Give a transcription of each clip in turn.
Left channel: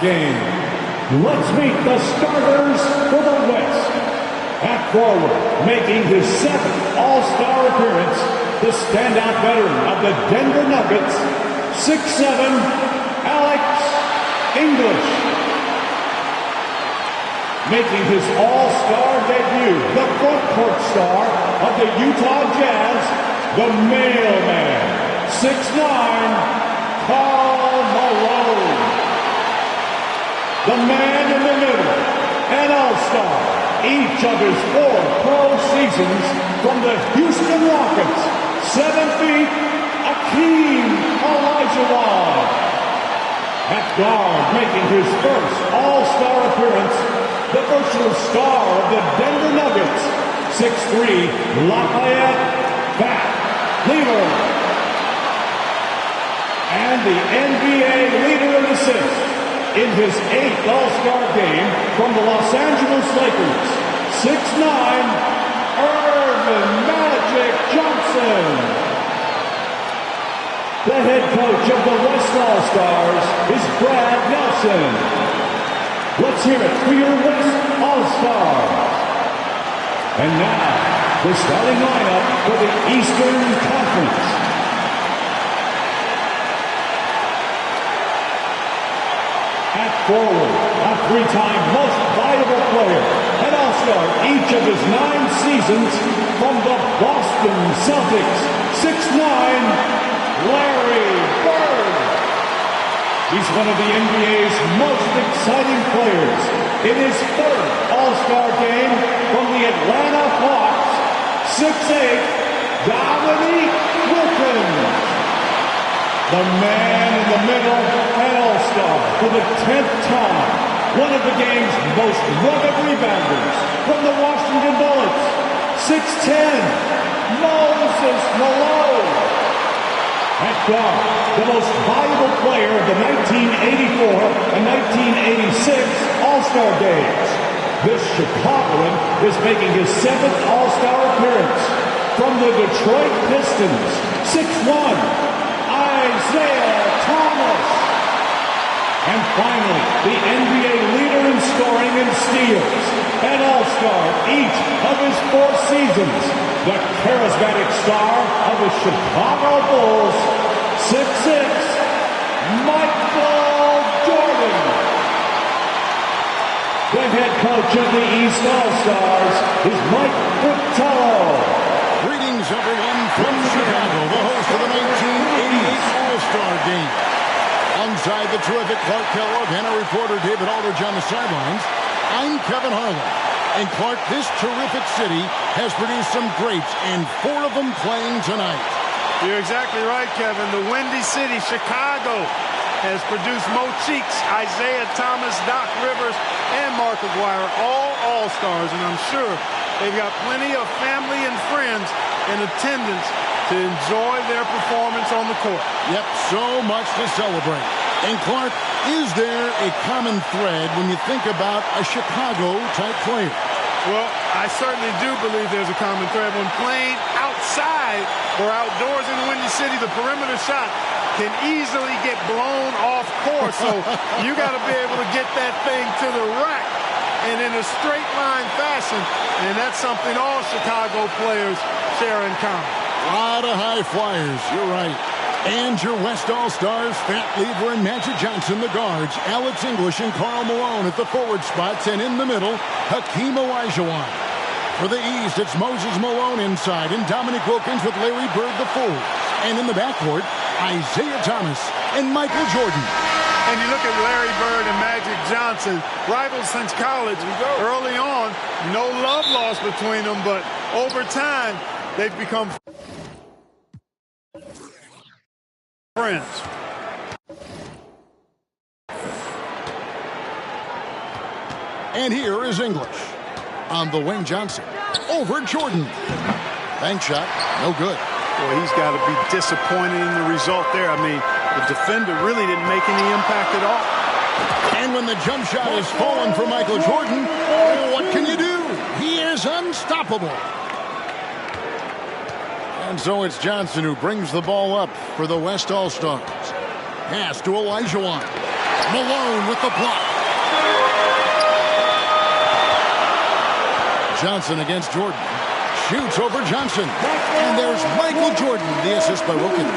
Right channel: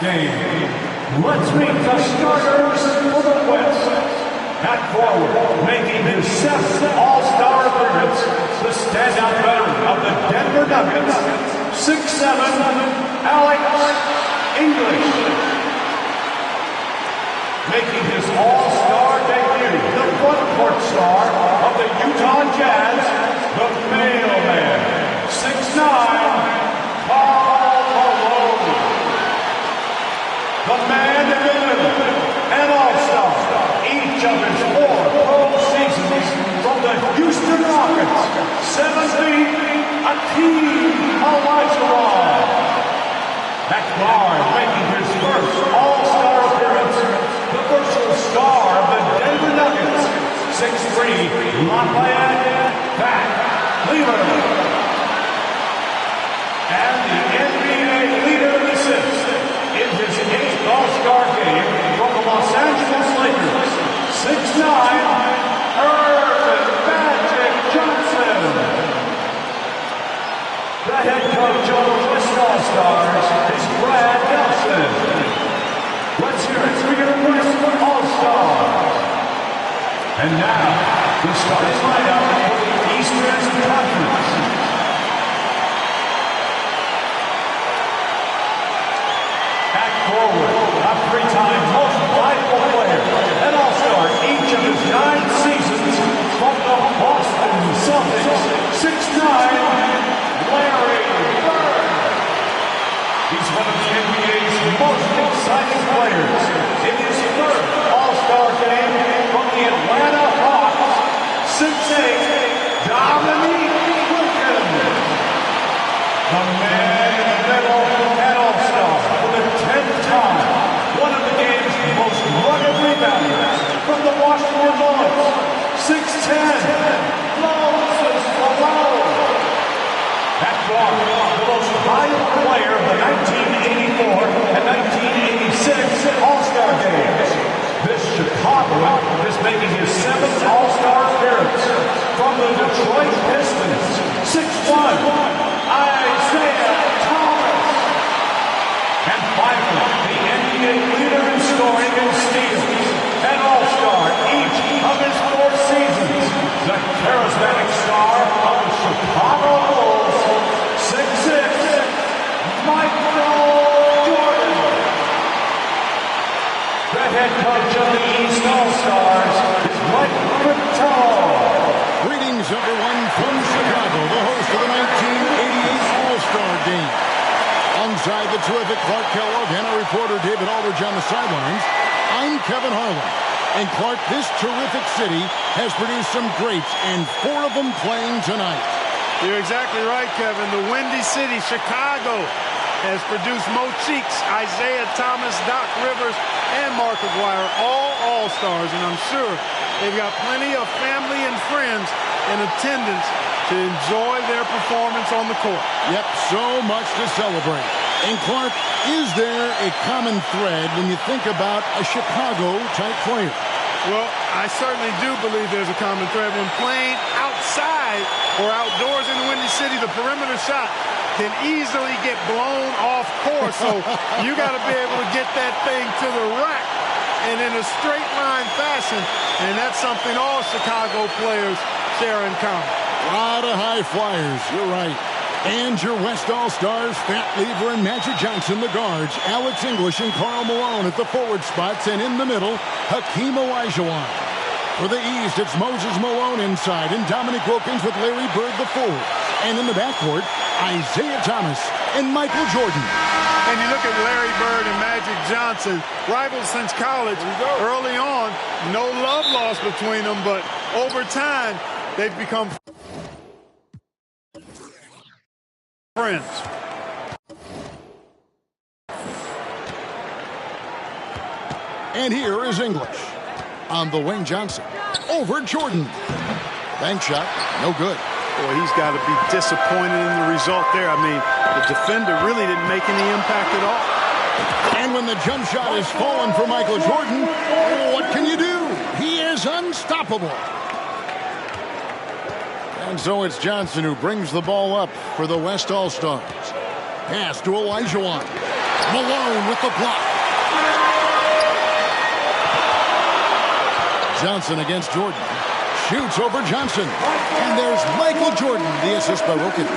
Game. Let's meet the starters for the West. At forward, making his 7th All-Star appearance, the standout veteran of the Denver Nuggets, 6'7", Alex English. Making his All-Star debut, the front court star of the Utah Jazz, the mailman, 6'9", Karl Malone. The man in the middle, an all-star, each of his 4 pro seasons from the Houston Rockets, 7 feet, Hakeem Olajuwon. At guard, making his first all-star appearance, the versatile star of the Denver Nuggets, 6'3", Lafayette Fat Lever. And the NBA leader in assists, in his 8th All-Star game from the Los Angeles Lakers, 6'9", Earvin Magic Johnson. The head coach of the West All-Stars is Brad Nelson. Let's hear it for your West All-Stars. And now, the starting lineup for the Eastern Conference. At forward, a 3-time most valuable player, an all-star each of his 9 seasons from the Boston Celtics, 6'9", Larry Bird. He's one of the NBA's most exciting players. In his 3rd All-Star game from the Atlanta Hawks, 6'8", Dominique Wilkins. The man in the middle, an all-star for the 10th time. One of the game's most rugged rebounders from the Washington Bullets. 6'10", Moses Malone. At guard, the most valuable player of the 1984 and 1986 All-Star games. This Chicagoan is making his 7th All-Star appearance from the Detroit Pistons. 6'1", Isaiah Thomas. And finally, the NBA leader in scoring and steals, an all-star each of his 4 seasons, the charismatic star of the Chicago Bulls, 6'6", Michael Jordan. The head coach of the East All-Stars is Mike Fratello. Greetings, everyone, from Chicago, the host of the 1988 All-Star Game. Alongside the terrific Clark Kellogg and our reporter David Aldridge on the sidelines, I'm Kevin Harlan. And Clark, this terrific city has produced some greats, and 4 of them playing tonight. You're exactly right, Kevin. The Windy City, Chicago, has produced Mo Cheeks, Isaiah Thomas, Doc Rivers, and Mark Aguirre, all All-Stars, and I'm sure they've got plenty of family and friends in attendance to enjoy their performance on the court. Yep, so much to celebrate. And Clark, is there a common thread when you think about a Chicago-type player? Well, I certainly do believe there's a common thread. When playing outside or outdoors in the Windy City, the perimeter shot can easily get blown off course. So you got to be able to get that thing to the rack and in a straight line fashion. And that's something all Chicago players share in common. A lot of high flyers, you're right. And your West All-Stars, Fat Lever and Magic Johnson, the guards, Alex English and Karl Malone at the forward spots, and in the middle, Hakeem Olajuwon. For the East, it's Moses Malone inside and Dominique Wilkins with Larry Bird the forwards. And in the backcourt, Isaiah Thomas and Michael Jordan. And you look at Larry Bird and Magic Johnson, rivals since college. Early on, no love lost between them, but over time, they've become friends. And here is English on the wing. Johnson over Jordan. Bank shot, no good. Boy, he's got to be disappointed in the result there. I mean, the defender really didn't make any impact at all. And when the jump shot is fallen for Michael Jordan, what can you do? He is unstoppable. And so it's Johnson who brings the ball up for the West All-Stars. Pass to Olajuwon. Malone with the block. Johnson against Jordan. Shoots over Johnson. And there's Michael Jordan, the assist by Wilkins.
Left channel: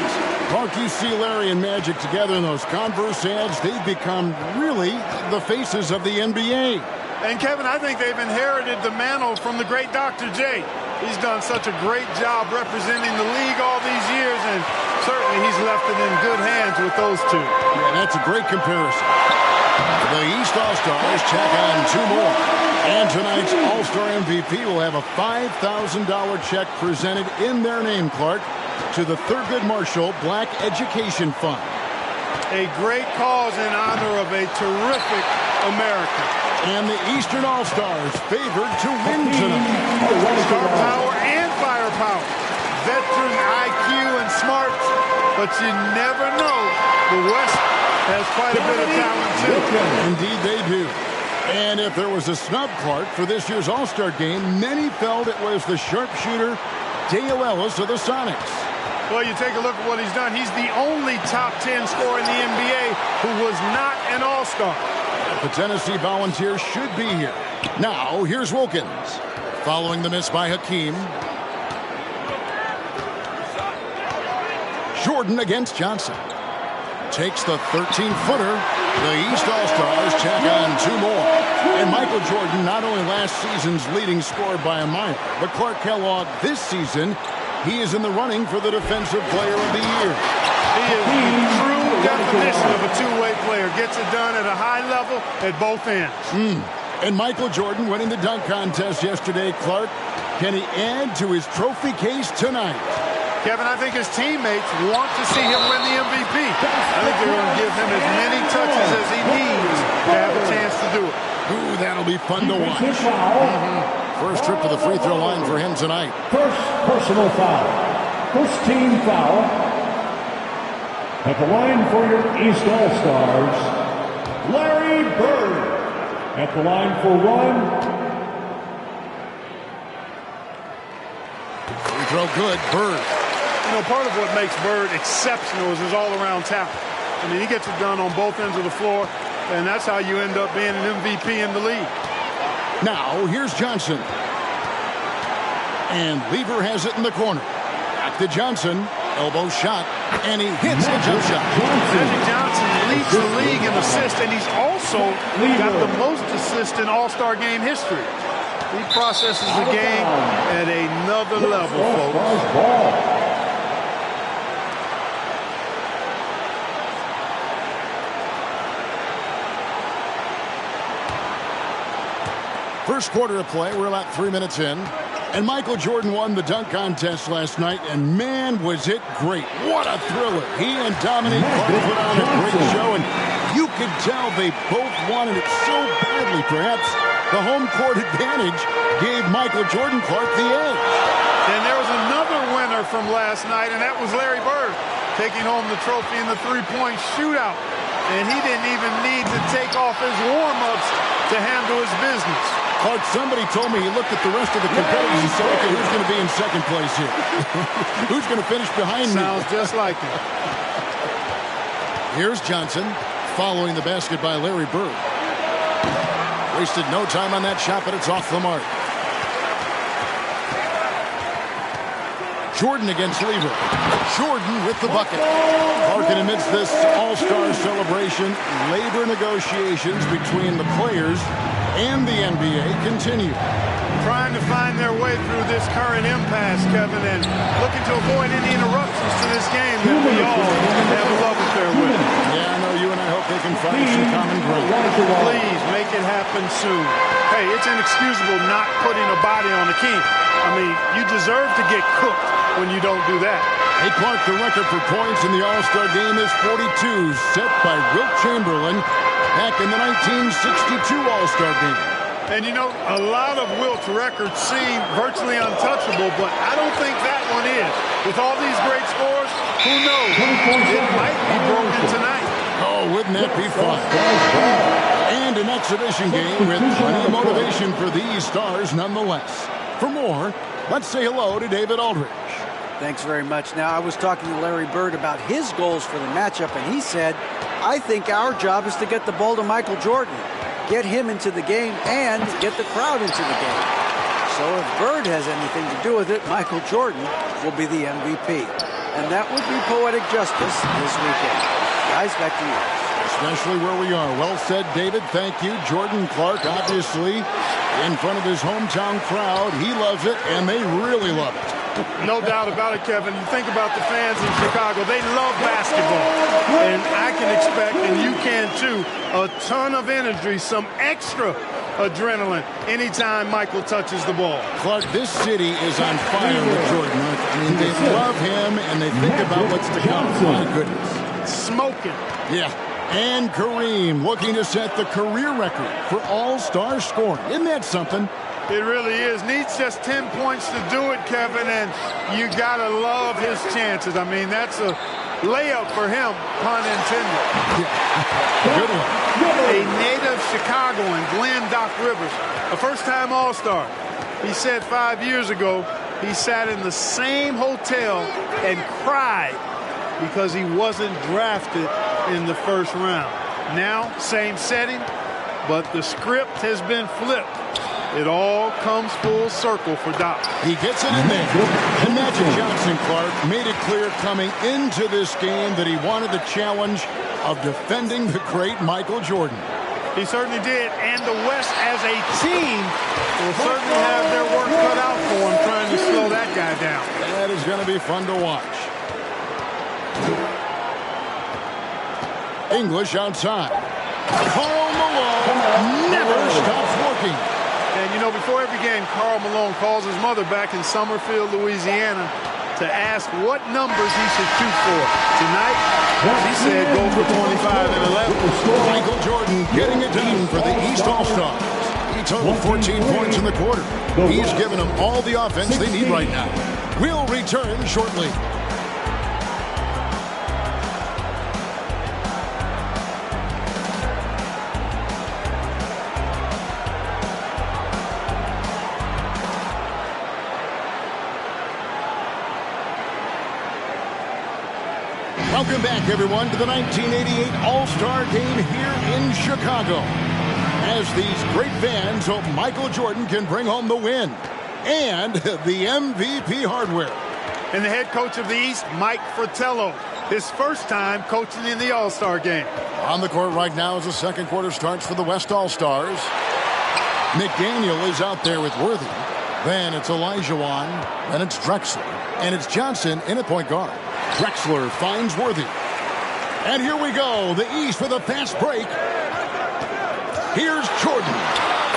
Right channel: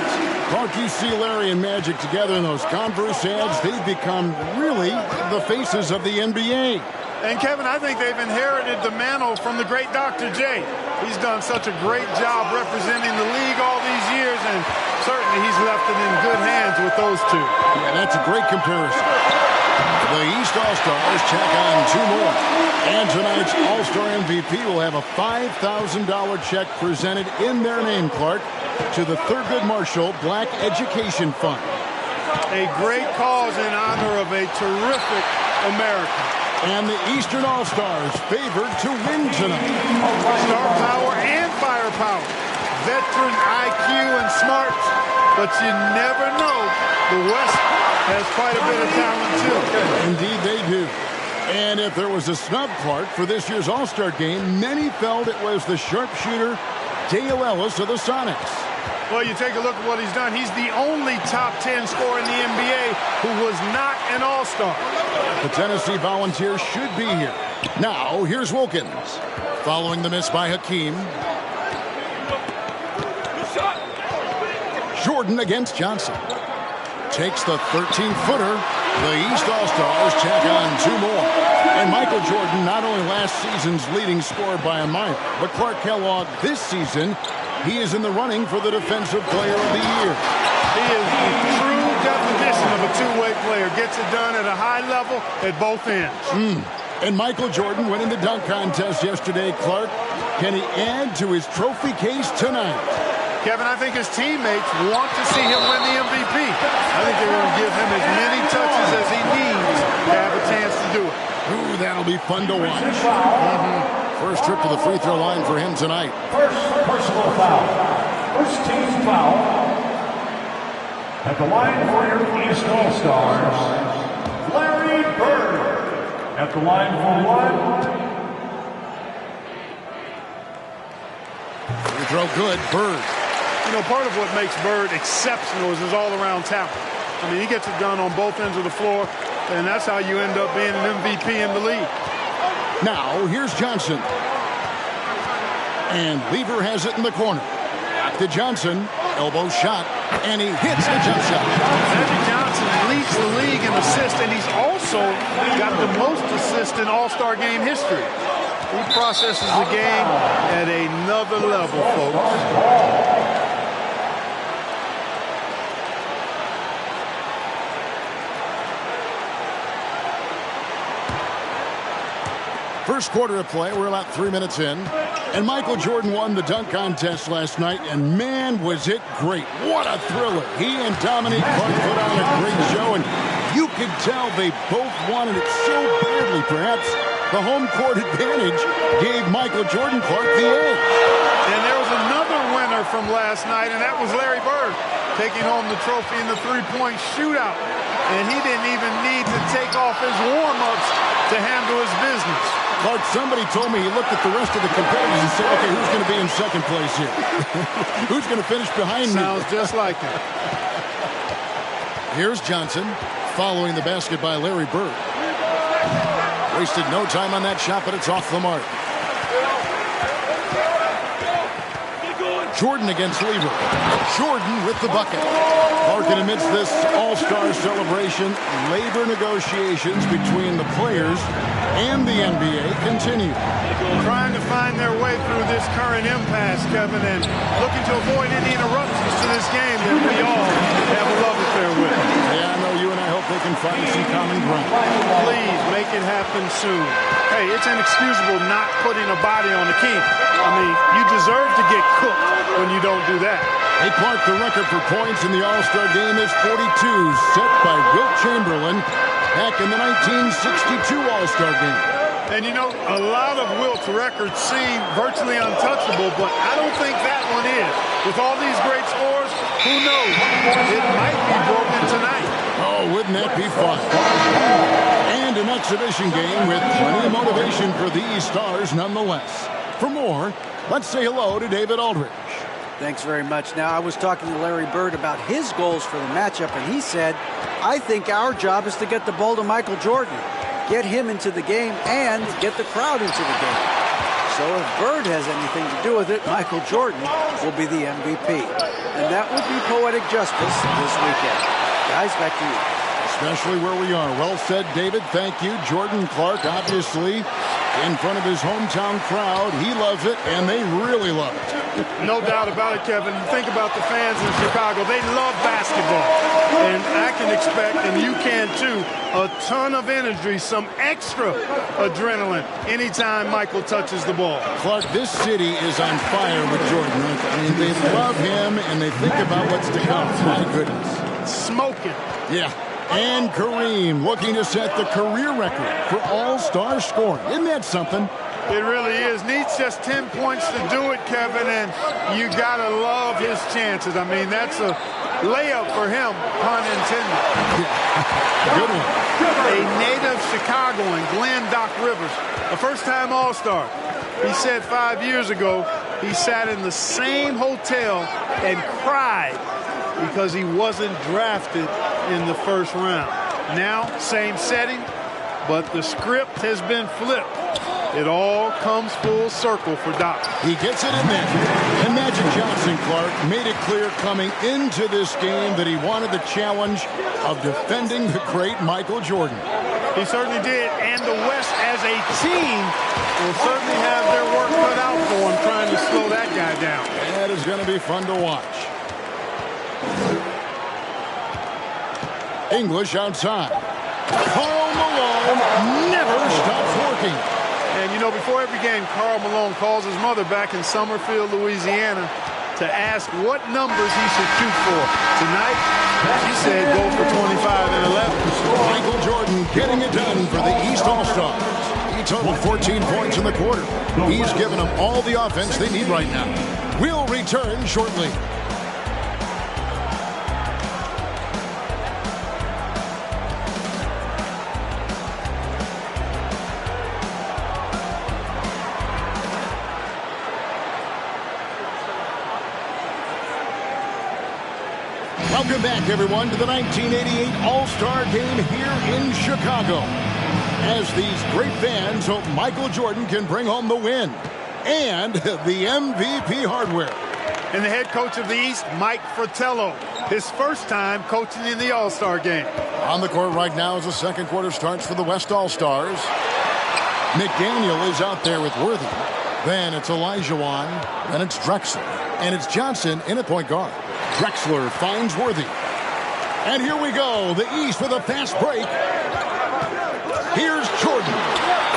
Clark, you see Larry and Magic together in those Converse ads. They've become really the faces of the NBA. And, Kevin, I think they've inherited the mantle from the great Dr. J. He's done such a great job representing the league all these years, and certainly he's left it in good hands with those two. Yeah, that's a great comparison. The East All-Stars check on 2 more. And tonight's All-Star MVP will have a $5,000 check presented in their name, Clark, to the Thurgood Marshall Black Education Fund. A great cause in honor of a terrific American. And the Eastern All-Stars favored to win tonight. Star power and firepower. Veteran IQ and smarts. But you never know. The West has quite a bit of talent, too. Indeed, they do. And if there was a snub, Clark, for this year's All-Star game, many felt it was the sharpshooter Dale Ellis of the Sonics. Well, you take a look at what he's done. He's the only top 10 scorer in the NBA who was not an All-Star. The Tennessee Volunteers should be here. Now, here's Wilkins. Following the miss by Hakeem. Jordan against Johnson. Takes the 13-footer. The East All-Stars check on 2 more. And Michael Jordan, not only last season's leading scorer by a mile, but Clark Kellogg this season, he is in the running for the Defensive Player of the Year. He is the true definition of a two-way player. Gets it done at a high level at both ends. And Michael Jordan winning the dunk contest yesterday, Clark. Can he add to his trophy case tonight? Kevin, I think his teammates want to see him win the MVP. I think they're going to give him as many touches as he needs to have a chance to do it. Ooh, that'll be fun to watch. First trip to the free throw line for him tonight. First personal foul. First team foul. At the line for your East All-Stars, Larry Bird. At the line for 1. Free throw good, Bird. You know, part of what makes Bird exceptional is his all-around talent. I mean, he gets it done on both ends of the floor, and that's how you end up being an MVP in the league. Now, here's Johnson. And Lever has it in the corner. Back to Johnson. Elbow shot, and he hits the jump shot. Magic Johnson leads the league in assists, and he's also got the most assists in All-Star game history. He processes the game at another level, folks. First quarter of play, we're about 3 minutes in. And Michael Jordan won the dunk contest last night, and man, was it great. What a thriller. He and Dominique Clark put on a great show, and you could tell they both wanted it so badly. Perhaps the home court advantage gave Michael Jordan Clark the edge. And there was another winner from last night, and that was Larry Bird, taking home the trophy in the three-point shootout. And he didn't even need to take off his warm-ups to handle his business. Clark, somebody told me he looked at the rest of the competitors and said, okay, who's going to be in second place here? Who's going to finish behind me? Sounds just like him. Here's Johnson following the basket by Larry Bird. Wasted no time on that shot, but it's off the mark. Jordan against Lever. Jordan with the bucket. Clark, amidst this all-star celebration, labor negotiations between the players and the NBA continue. Trying to find their way through this current impasse, Kevin, and looking to avoid any interruptions to this game that we all have a love affair with. Yeah, I know you and I hope they can find some common ground. Please make it happen soon. Hey, it's inexcusable not putting a body on the king. I mean, you deserve to get cooked when you don't do that. Hey, Clark, the record for points in the All-Star game is 42, set by Wilt Chamberlain back in the 1962 All-Star game. And, you know, a lot of Wilt's records seem virtually untouchable, but I don't think that one is. With all these great scores, who knows? It might be broken tonight. Oh, wouldn't that be fun? And an exhibition game with plenty of motivation for these stars nonetheless. For more, let's say hello to David Aldridge. Thanks very much. Now, I was talking to Larry Bird about his goals for the matchup, and he said, I think our job is to get the ball to Michael Jordan, get him into the game, and get the crowd into the game. So if Bird has anything to do with it, Michael Jordan will be the MVP. And that would be poetic justice this weekend. Guys, back to you. Especially where we are. Well said, David. Thank you. Jordan Clark, obviously, in front of his hometown crowd. He loves it, and they really love it. No doubt about it, Kevin. You think about the fans in Chicago. They love basketball. And I can expect, and you can too, a ton of energy, some extra adrenaline anytime Michael touches the ball. Clark, this city is on fire with Jordan, aren't they? I mean, they love him, and they think about what's to come. My goodness. Smoking. Yeah. And Kareem looking to set the career record for all-star scoring. Isn't that something? It really is. Needs just 10 points to do it, Kevin, and you got to love his chances. I mean, that's a layup for him, pun intended. Yeah, good one. A native Chicagoan, Glenn Doc Rivers, a first-time All-Star. He said 5 years ago he sat in the same hotel and cried because he wasn't drafted in the first round. Now, same setting, but the script has been flipped. It all comes full circle for Doc. He gets it in there. And Magic Johnson, Clark, made it clear coming into this game that he wanted the challenge of defending the great Michael Jordan. He certainly did, and the West as a team will certainly have their work cut out for him trying to slow that guy down. That is going to be fun to watch. English outside. Karl Malone never stops working. And, you know, before every game, Karl Malone calls his mother back in Summerfield, Louisiana, to ask what numbers he should shoot for. Tonight, she said go for 25 and 11. Michael Jordan getting it done for the East All-Stars. He totaled 14 points in the quarter. He's given them all the offense they need right now. We'll return shortly. Welcome back, everyone, to the 1988 All-Star Game here in Chicago. As these great fans hope Michael Jordan can bring home the win and the MVP hardware. And the head coach of the East, Mike Fratello, his first time coaching in the All-Star Game. On the court right now as the second quarter starts for the West All-Stars. McDaniel is out there with Worthy. Then it's Olajuwon. Then it's Drexler. And it's Johnson in at point guard. Drexler finds Worthy. And here we go. The East with a fast break. Here's Jordan.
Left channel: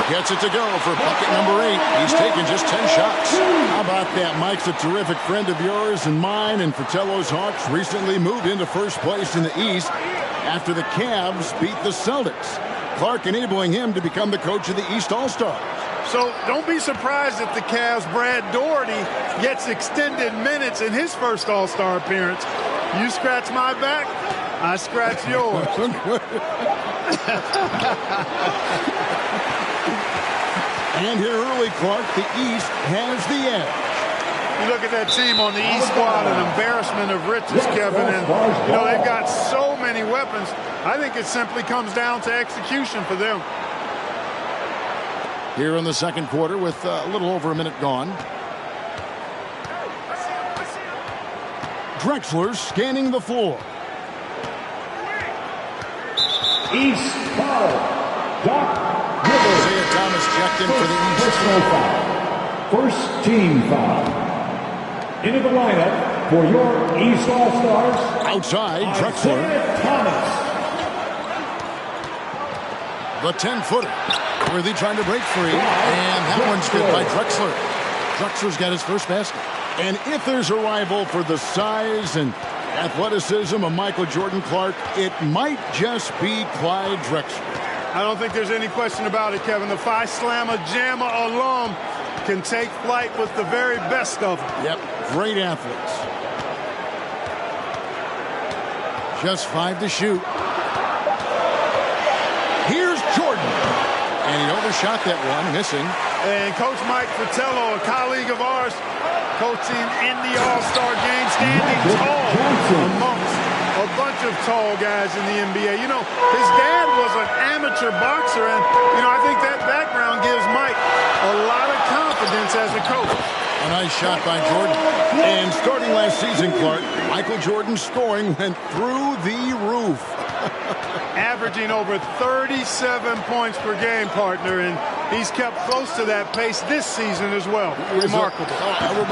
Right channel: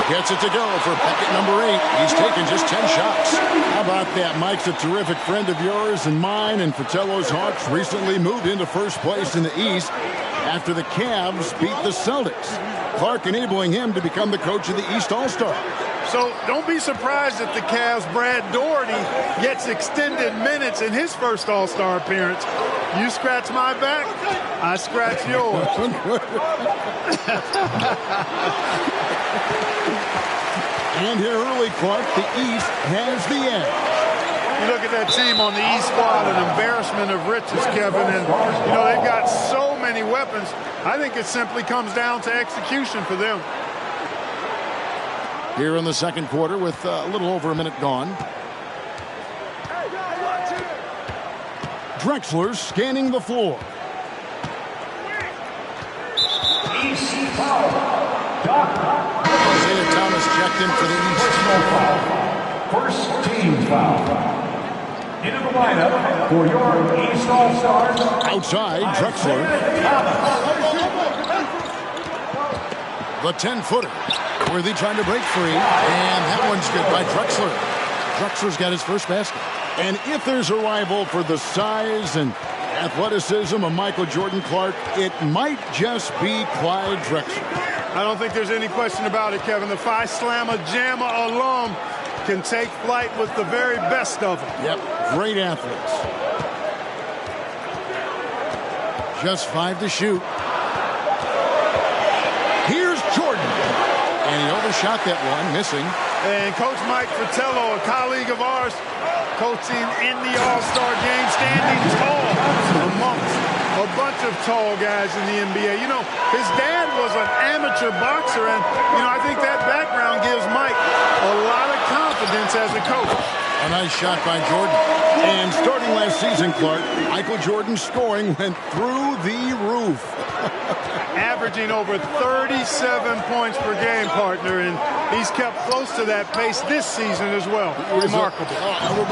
Gets it to go for bucket number 8. He's taken just 10 shots. How about that? Mike's a terrific friend of yours and mine, and Fratello's Hawks recently moved into first place in the East after the Cavs beat the Celtics. Clark enabling him to become the coach of the East All-Stars. So don't be surprised if the Cavs' Brad Daugherty gets extended minutes in his first All-Star appearance. You scratch my back, I scratch yours. And here early, Clark, the East has the edge. You look at that team on the East squad, an embarrassment of riches, Kevin. And, you know, they've got so many weapons. I think it simply comes down to execution for them. Here in the second quarter with a little over a minute gone. Drexler scanning the floor. East foul. Doc Rivers. Isaiah Thomas checked in for the East. Personal foul. First team foul. Into the lineup for your East All-Stars. Outside, Drexler. Thomas. The 10-footer. Worthy trying to break free. And that one's good by Drexler. Drexler's got his first basket. And if there's a rival for the size and athleticism of Michael Jordan, Clark, it might just be Clyde Drexler. I don't think there's any question about it, Kevin. The Phi Slamma Jamma alum can take flight with the very best of them. Yep, great athletes. Just 5 to shoot. Here's Jordan. And he overshot that one, missing. And Coach Mike Fratello, a colleague of ours, coaching in the All-Star game, standing tall amongst a bunch of tall guys in the NBA. You know, his dad was an amateur boxer, and, you know, I think that background gives Mike a lot of confidence as a coach. A nice shot by Jordan. And starting last season, Clark, Michael Jordan's scoring went through the roof. Averaging over 37 points per game, partner, and he's kept close to that pace this season as well. Remarkable.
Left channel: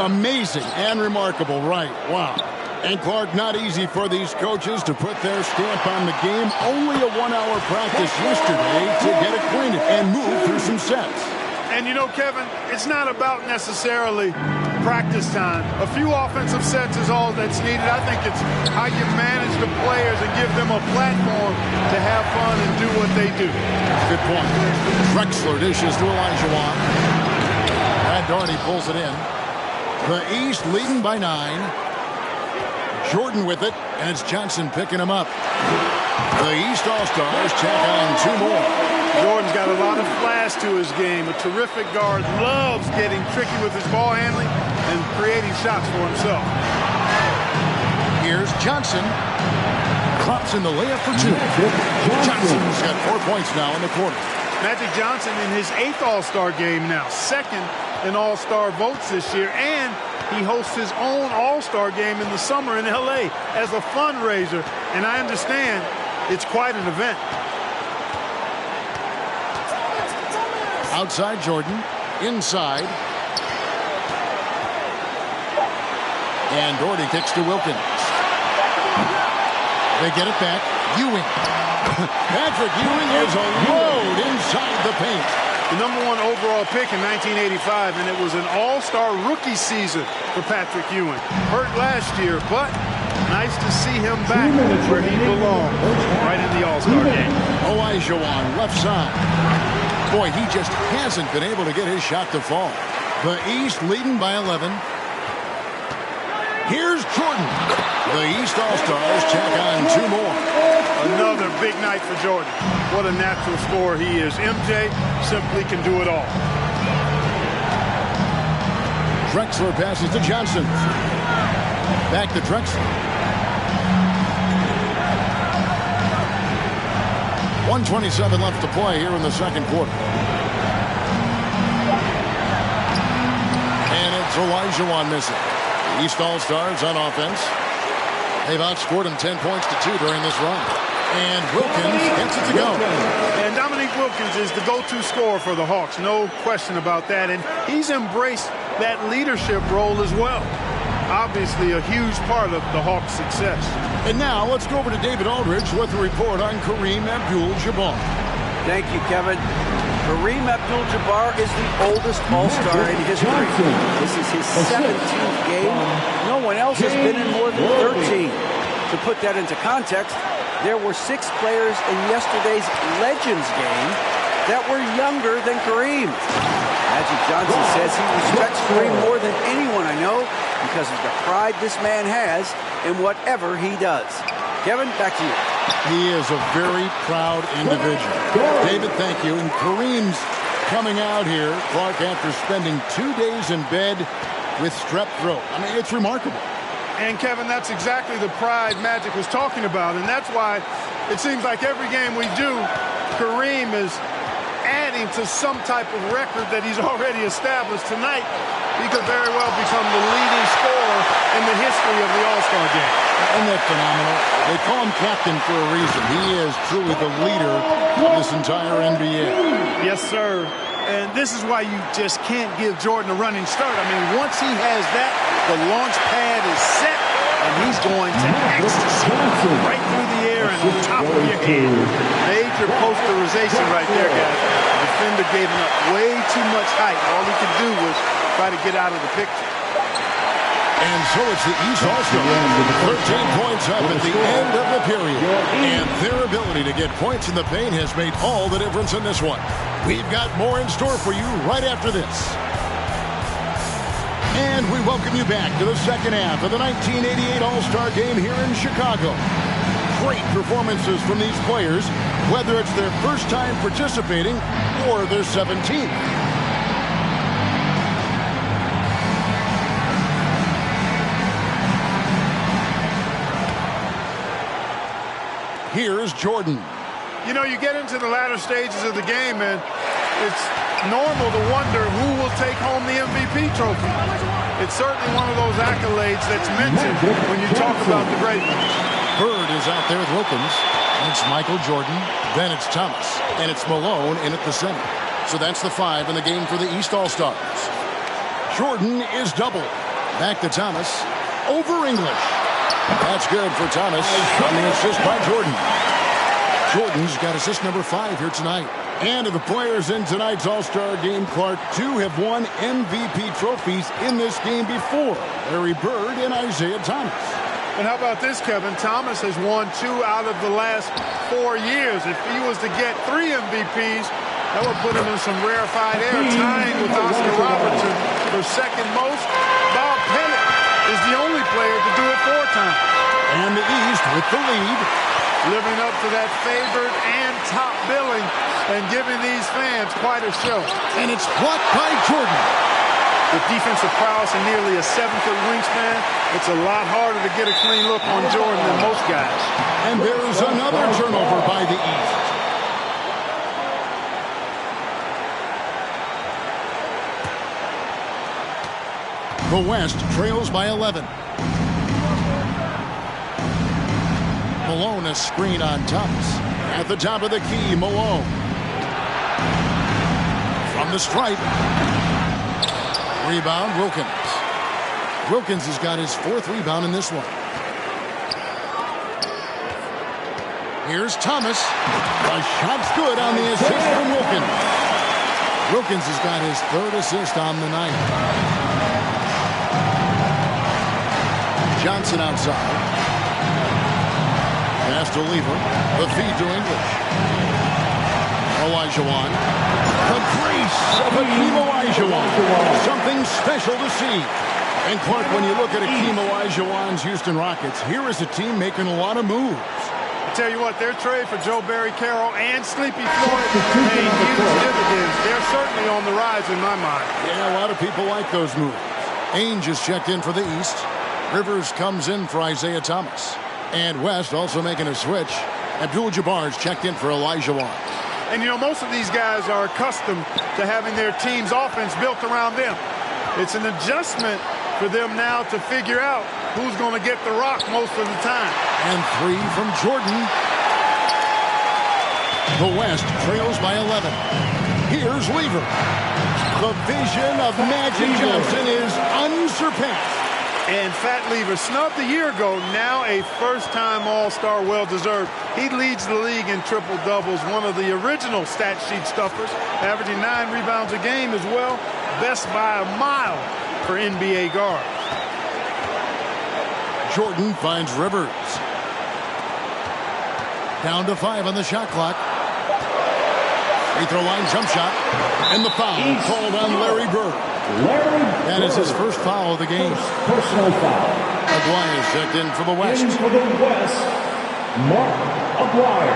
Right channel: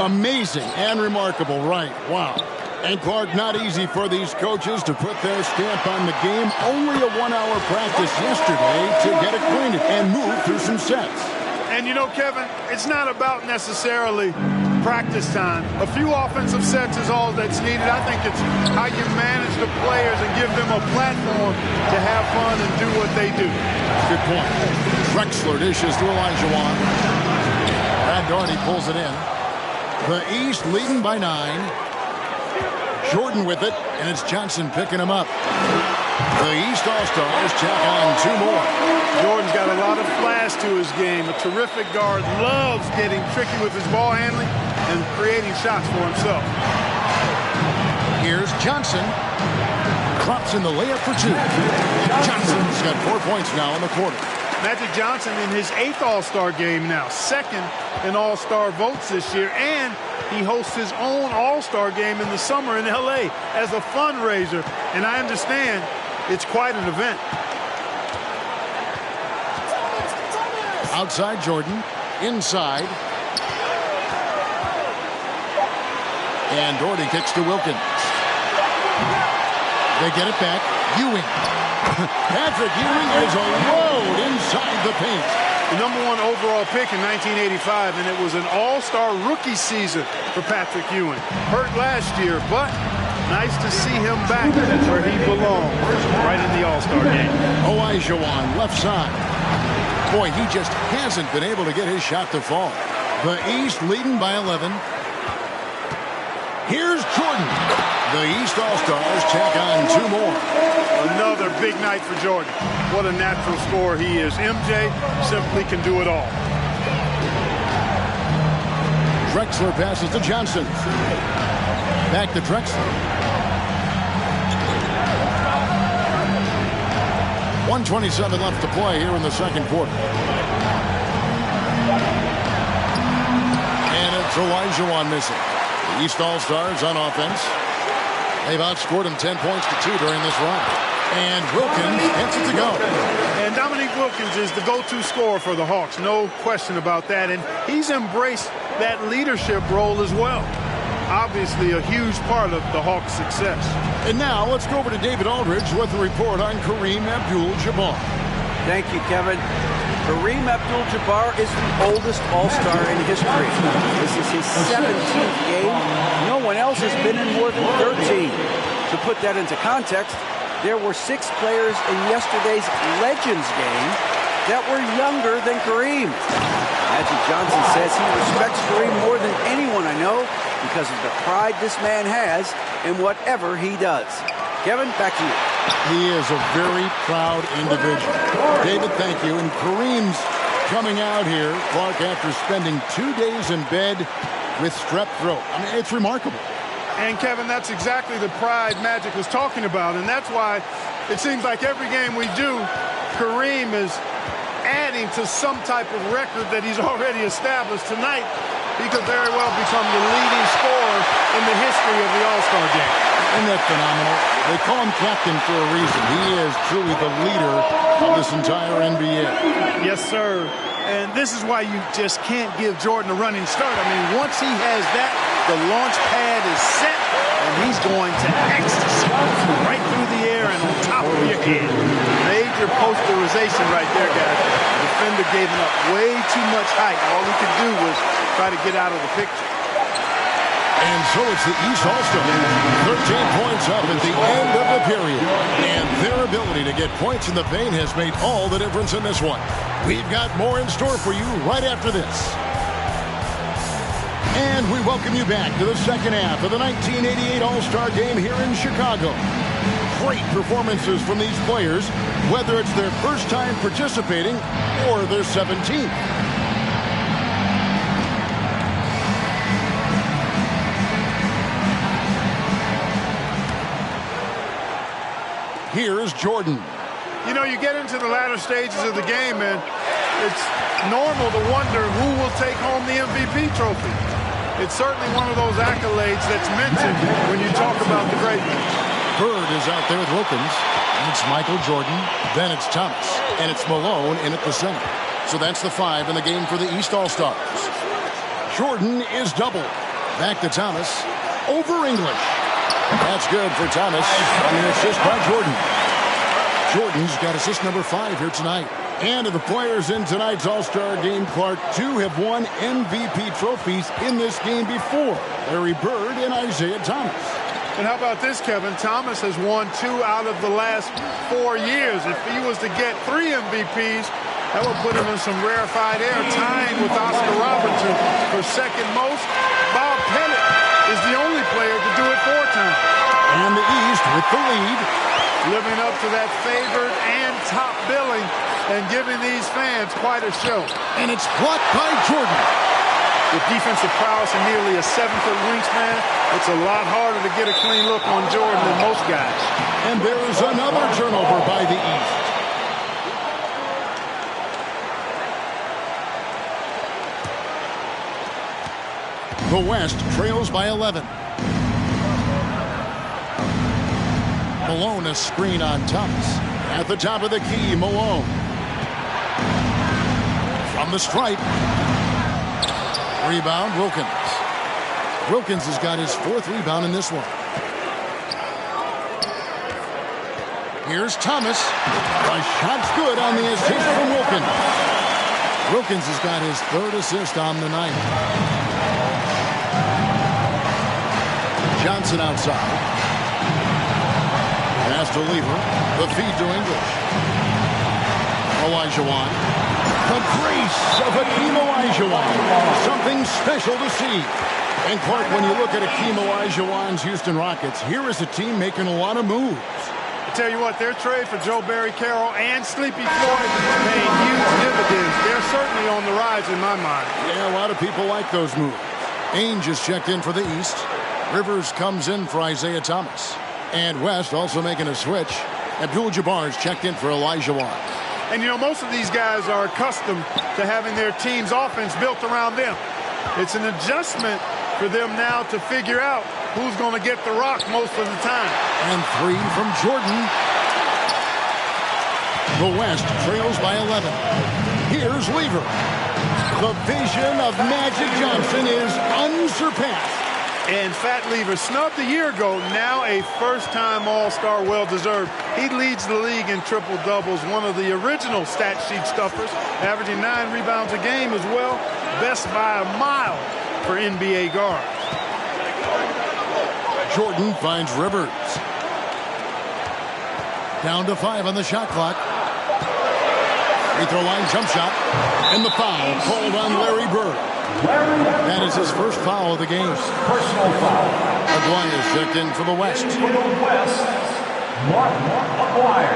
Amazing and remarkable, right. Wow. And Clark, not easy for these coaches to put their stamp on the game. Only a 1-hour practice yesterday to get acquainted and move through some sets. And you know, Kevin, it's not about necessarily practice time. A few offensive sets is all that's needed. I think it's how you manage the players and give them a platform to have fun and do what they do. Good point. Drexler dishes to Olajuwon. Brad Daugherty pulls it in. The East leading by 9. Jordan with it, and it's Johnson picking him up. The East All-Stars check on 2 more. Jordan's got a lot of flash to his game. A terrific guard, loves getting tricky with his ball handling and creating shots for himself. Here's Johnson. Drops in the layup for 2. Johnson's got 4 points now in the quarter. Magic Johnson in his 8th All-Star game now, 2nd in All-Star votes this year, and he hosts his own All-Star game in the summer in L.A. as a fundraiser, and I understand it's quite an event. Outside Jordan, inside. And Daugherty kicks to Wilkins. They get it back. Ewing. Patrick Ewing is a load inside the paint. The #1 overall pick in 1985, and it was an all-star rookie season for Patrick Ewing. Hurt last year, but nice to see him back where he belongs, right in the all-star game. Olajuwon, left side. Boy, he just hasn't been able to get his shot to fall. The East leading by 11. Here's Jordan. The East All-Stars check on 2 more. Another big night for Jordan. What a natural scorer he is. MJ simply can do it all. Drexler passes to Johnson. Back to Drexler. 1:27 left to play here in the second quarter. And it's Olajuwon missing. The East All-Stars on offense. They've outscored him 10 points to 2 during this run. And Wilkins gets it to go. And Dominique Wilkins is the go-to scorer for the Hawks. No question about that. And he's embraced that leadership role as well. Obviously a huge part of the Hawks' success. And now let's go over to David Aldridge with a report on Kareem Abdul-Jabbar. Thank you, Kevin. Kareem Abdul-Jabbar is the oldest All-Star in history. This is his 17th game. No one else has been in more than 13. To put that into context, there were 6 players in yesterday's Legends game that were younger than Kareem. Magic Johnson says he respects Kareem more than anyone I know because of the pride this man has in whatever he does. Kevin, back to you. He is a very proud individual. David, thank you. And Kareem's coming out here, Clark, after spending 2 days in bed with strep throat. I mean, it's remarkable. And, Kevin, that's exactly the pride Magic was talking about. And that's why it seems like every game we do, Kareem is adding to some type of record that he's already established. Tonight, he could very well become the leading scorer in the history of the All-Star game. Isn't that phenomenal? They call him captain for a reason. He is truly the leader of this entire NBA. Yes, sir. And this is why you just can't give Jordan a running start. I mean, once he has that, the launch pad is set, and he's going to ecstasy right through the air and on top of your head. Major posterization right there, guys. The defender gave him up way too much height. All he could do was try to get out of the picture. And so it's the East All-Stars. 13 points up at the end of the period. And their ability to get points in the paint has made all the difference in this one. We've got more in store for you right after this. And we welcome you back to the second half of the 1988 All-Star Game here in Chicago. Great performances from these players, whether it's their first time participating or their 17th. Here's Jordan. You know, you get into the latter stages of the game, and it's normal to wonder who will take home the MVP trophy. It's certainly one of those accolades that's mentioned when you talk about the great ones. Bird is out there with Wilkins. And it's Michael Jordan. Then it's Thomas. And it's Malone in at the center. So that's the 5 in the game for the East All-Stars. Jordan is doubled. Back to Thomas. Over English. That's good for Thomas on the assist by Jordan. Jordan's got assist number 5 here tonight. And of the players in tonight's All-Star game, Clark, 2 have won MVP trophies in this game before. Larry Bird and Isaiah Thomas. And how about this, Kevin? Thomas has won 2 out of the last 4 years. If he was to get 3 MVPs, that would put him in some rarefied air, tying with Oscar Robertson for second most. Bob Pettit is the only player to do it 4 times. And the East with the lead. Living up to that favored and top billing and giving these fans quite a show. And it's blocked by Jordan. With defensive prowess and nearly a 7-foot wingspan, it's a lot harder to get a clean look on Jordan than most guys. And there's another turnover by the East. The West trails by 11. Malone, a screen on Thomas. At the top of the key, Malone. From the stripe. Rebound, Wilkins. Wilkins has got his 4th rebound in this one. Here's Thomas. The shot's good on the assist from Wilkins. Wilkins has got his 3rd assist on the night. Johnson outside. Pass to Lever. The feed to English. Olajuwon. The grace of Hakeem Olajuwon. Something special to see. And Clark, when you look at Hakeem Olajuwon's Houston Rockets, here is a team making a lot of moves. I tell you what, their trade for Joe Barry Carroll and Sleepy Floyd paying huge dividends. They're certainly on the rise in my mind. Yeah, a lot of people like those moves. Ainge is checked in for the East. Rivers comes in for Isaiah Thomas. And West also making a switch. Abdul-Jabbar's checked in for Olajuwon. And, you know, most of these guys are accustomed to having their team's offense built around them. It's an adjustment for them now to figure out who's going to get the rock most of the time. And 3 from Jordan. The West trails by 11. Here's Lever. The vision of Magic Johnson is unsurpassed. And Fat Lever, snubbed a year ago, now a first-time All-Star, well-deserved. He leads the league in triple-doubles, one of the original stat sheet stuffers, averaging 9 rebounds a game as well, best by a mile for NBA guards. Jordan finds Rivers. Down to 5 on the shot clock. Free throw line jump shot. And the foul called on Larry Bird. That is his first foul of the game. Personal foul. Aguirre's checked in for the West. In for the West, Martin Aguirre.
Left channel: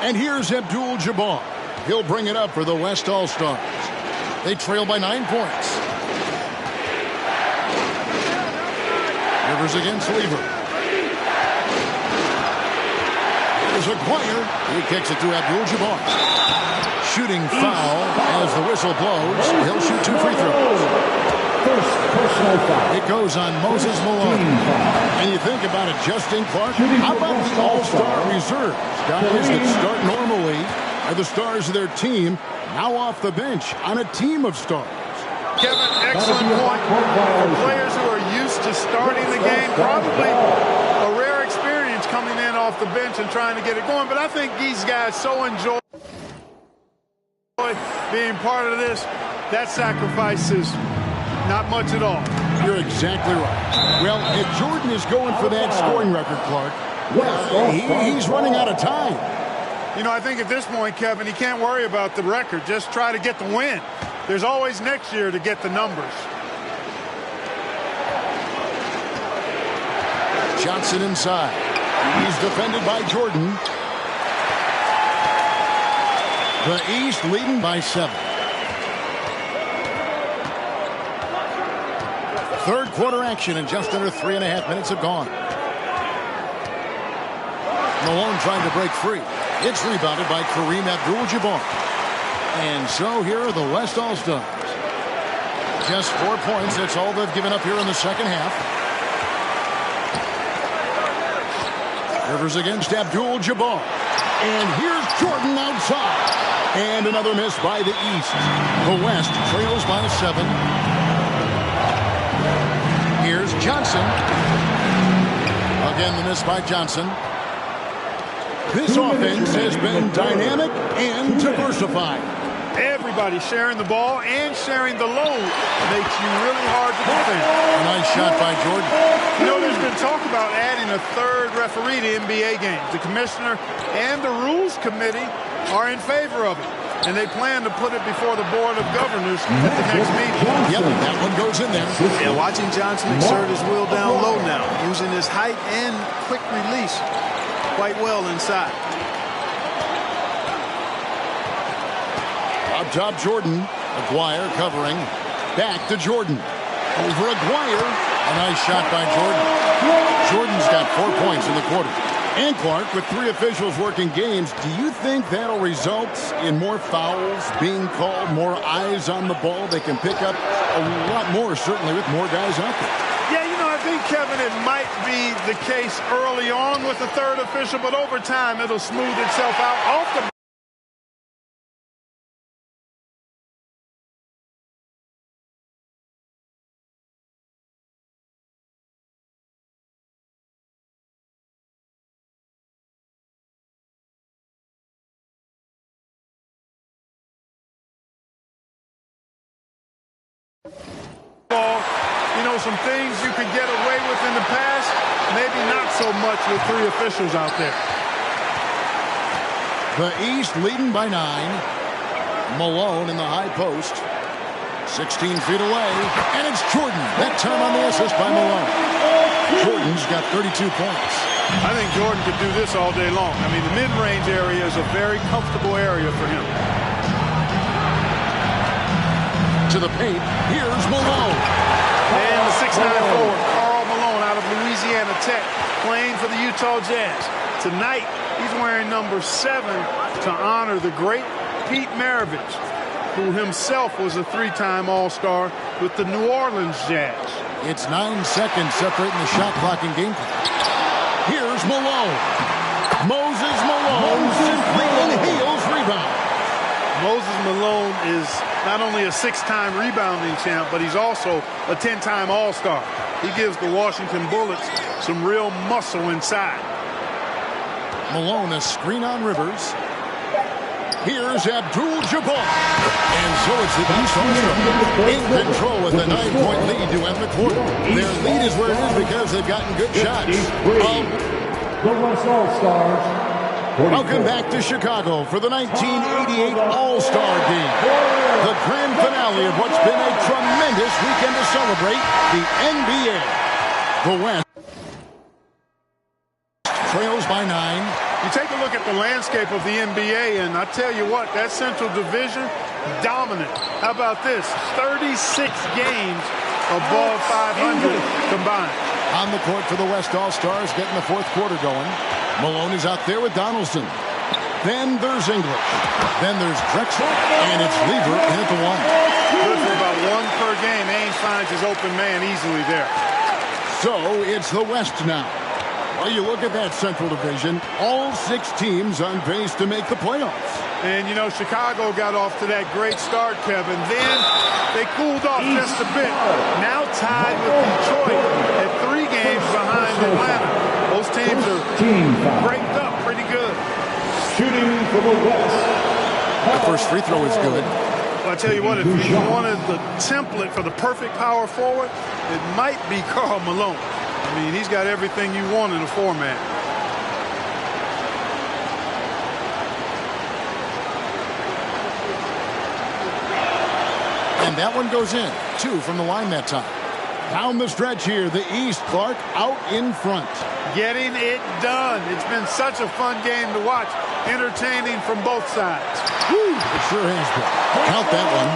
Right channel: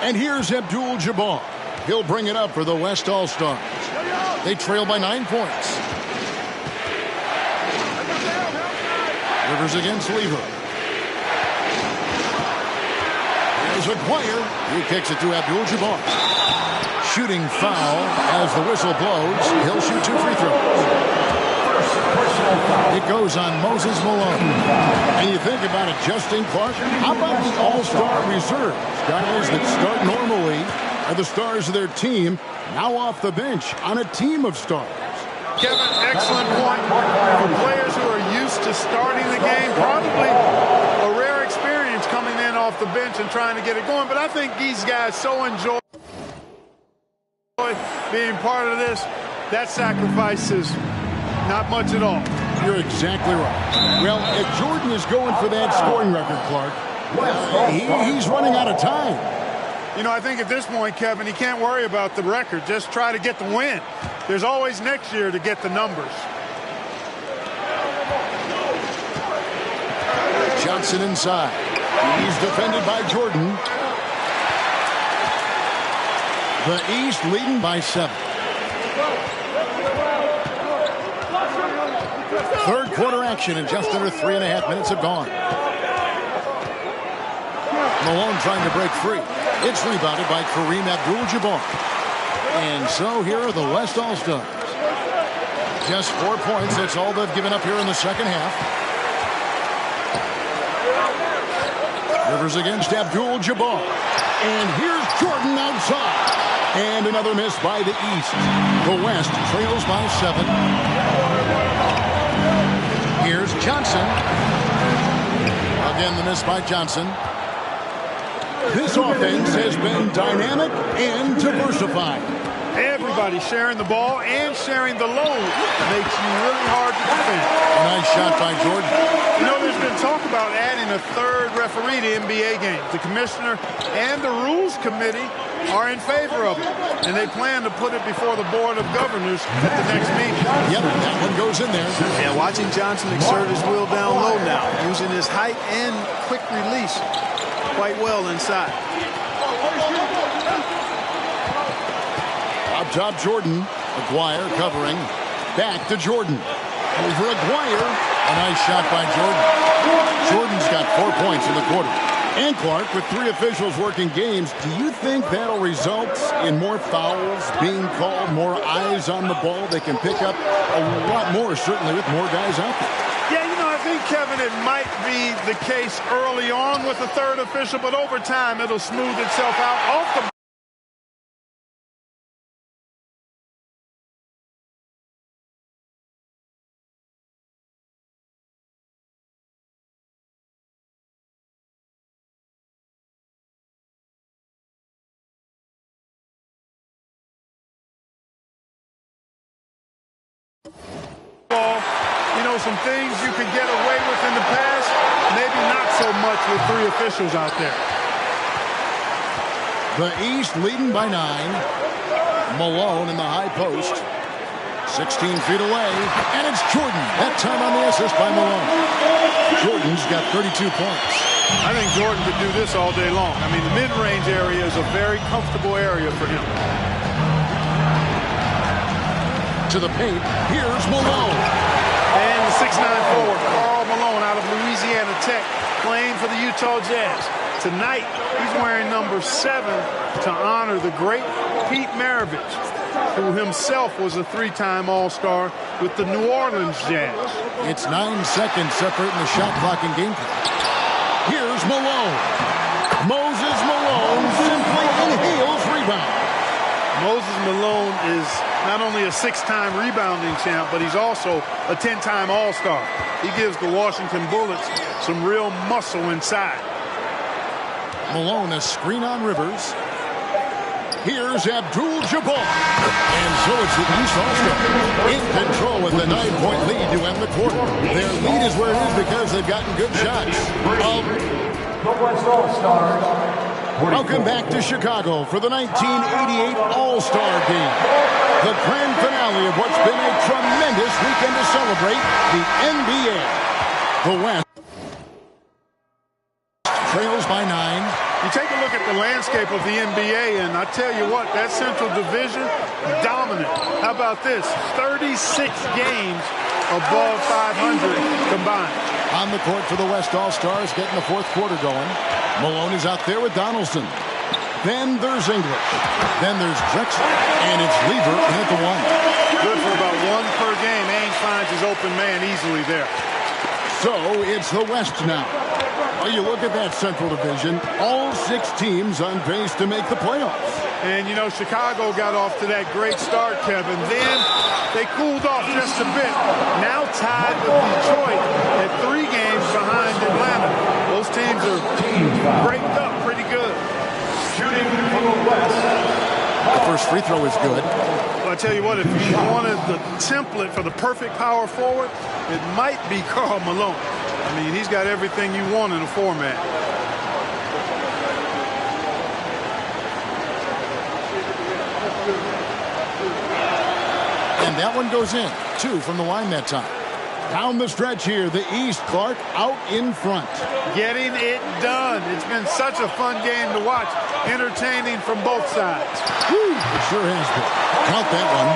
And here's Abdul-Jabbar. He'll bring it up for the West All-Stars. They trail by 9 points. Rivers against Lever. Here's Aguirre. He kicks it to Abdul-Jabbar. Shooting foul as the whistle blows. He'll shoot 2 free throws. First personal foul. It goes on Moses Malone. And you think about it, Justin Clark, how about the All-Star reserves? Guys that start normally are the stars of their team, now off the bench on a team of stars. Kevin, excellent point. For players who are used to starting the game, probably a rare experience coming in off the bench and trying to get it going. But I think these guys so enjoy being part of this. That sacrifice is not much at all. You're exactly right. Well, if Jordan is going for that scoring record, Clark, he's running out of time. You know, I think at this point, Kevin, he can't worry about the record. Just try to get the win. There's always next year to get the numbers. Johnson inside. He's defended by Jordan. The East leading by 7. Third quarter action, and just under 3.5 minutes have gone. Malone trying to break free. It's rebounded by Kareem Abdul-Jabbar. And so here are the West All-Stars. Just 4 points. That's all they've given up here in the second half. Rivers against Abdul-Jabbar. And here's Jordan outside. And another miss by the East. The West trails by 7. Here's Johnson. Again, the miss by Johnson. This offense has been dynamic and diversified. Everybody sharing the ball and sharing the load makes you really hard to defend. A nice shot by Jordan. You know, there's been talk about adding a third referee to NBA games. The commissioner and the rules committee are in favor of it, and they plan to put it before the board of governors at the next meeting. Yep, that one goes in there. Yeah, watching Johnson exert his will down low now, using his height and quick release quite well inside. Up top, Jordan. Aguirre covering. Back to Jordan. Over Aguirre. A nice shot by Jordan. Jordan's got 4 points in the quarter. And Clark, with 3 officials working games, do you think that'll result in more fouls being called, more eyes on the ball? They can pick up a lot more, certainly, with more guys out there. Yeah, you know, I think, Kevin, it might be the case early on with the third official, but over time it'll smooth itself out off the ball. You know, some things you could get away with in the past, maybe not so much with 3 officials out there. The East leading by 9. Malone in the high post. 16 feet away. And it's Jordan. That time on the assist by Malone. Jordan's got 32 points. I think Jordan could do this all day long. I mean, the mid-range area is a very comfortable area for him. To the paint, here's Malone. And the 6'9" forward, Karl Malone out of Louisiana Tech, playing for the Utah Jazz. Tonight, he's wearing number 7 to honor the great Pete Maravich, who himself was a 3-time All-Star with the New Orleans Jazz. It's 9 seconds separating the shot clock and game clock. Here's Malone. Moses Malone simply inhales rebound. Moses Malone is not only a 6-time rebounding champ, but he's also a 10-time All-Star. He gives the Washington Bullets some real muscle inside. Malone a screen on Rivers. Here's Abdul-Jabbar. And so it's the East All-Stars in control with a 9-point lead to end the quarter. Their lead is where it is because they've gotten good shots. The West All-Stars. Welcome back to Chicago for the 1988 All-Star Game. The grand finale of what's been a tremendous weekend to celebrate the NBA. The West trails by 9. You take a look at the landscape of the NBA, and I tell you what, that Central Division, dominant. How about this? 36 games above 500 combined. On the court for the West All-Stars, getting the fourth quarter going. Malone is out there with Donaldson. Then there's English. Then there's Drexler. And it's Lever in at the 1. Good for about 1 per game. Ainge finds his open man easily there. So it's the West now. Well, you look at that Central Division, all 6 teams on pace to make the playoffs. And, you know, Chicago got off to that great start, Kevin. Then they cooled off just a bit. Now tied with Detroit at 3 games behind Atlanta. Those teams are breaked up pretty good. Shooting for the West. The first free throw is good. Well, I tell you what, if you wanted the template for the perfect power forward, it might be Karl Malone. I mean, he's got everything you want in a 4-man. And that one goes in. 2 from the line that time. Down the stretch here, the East, Clark out in front. Getting it done. It's been such a fun game to watch. Entertaining from both sides. Woo, it sure has been. Count that one.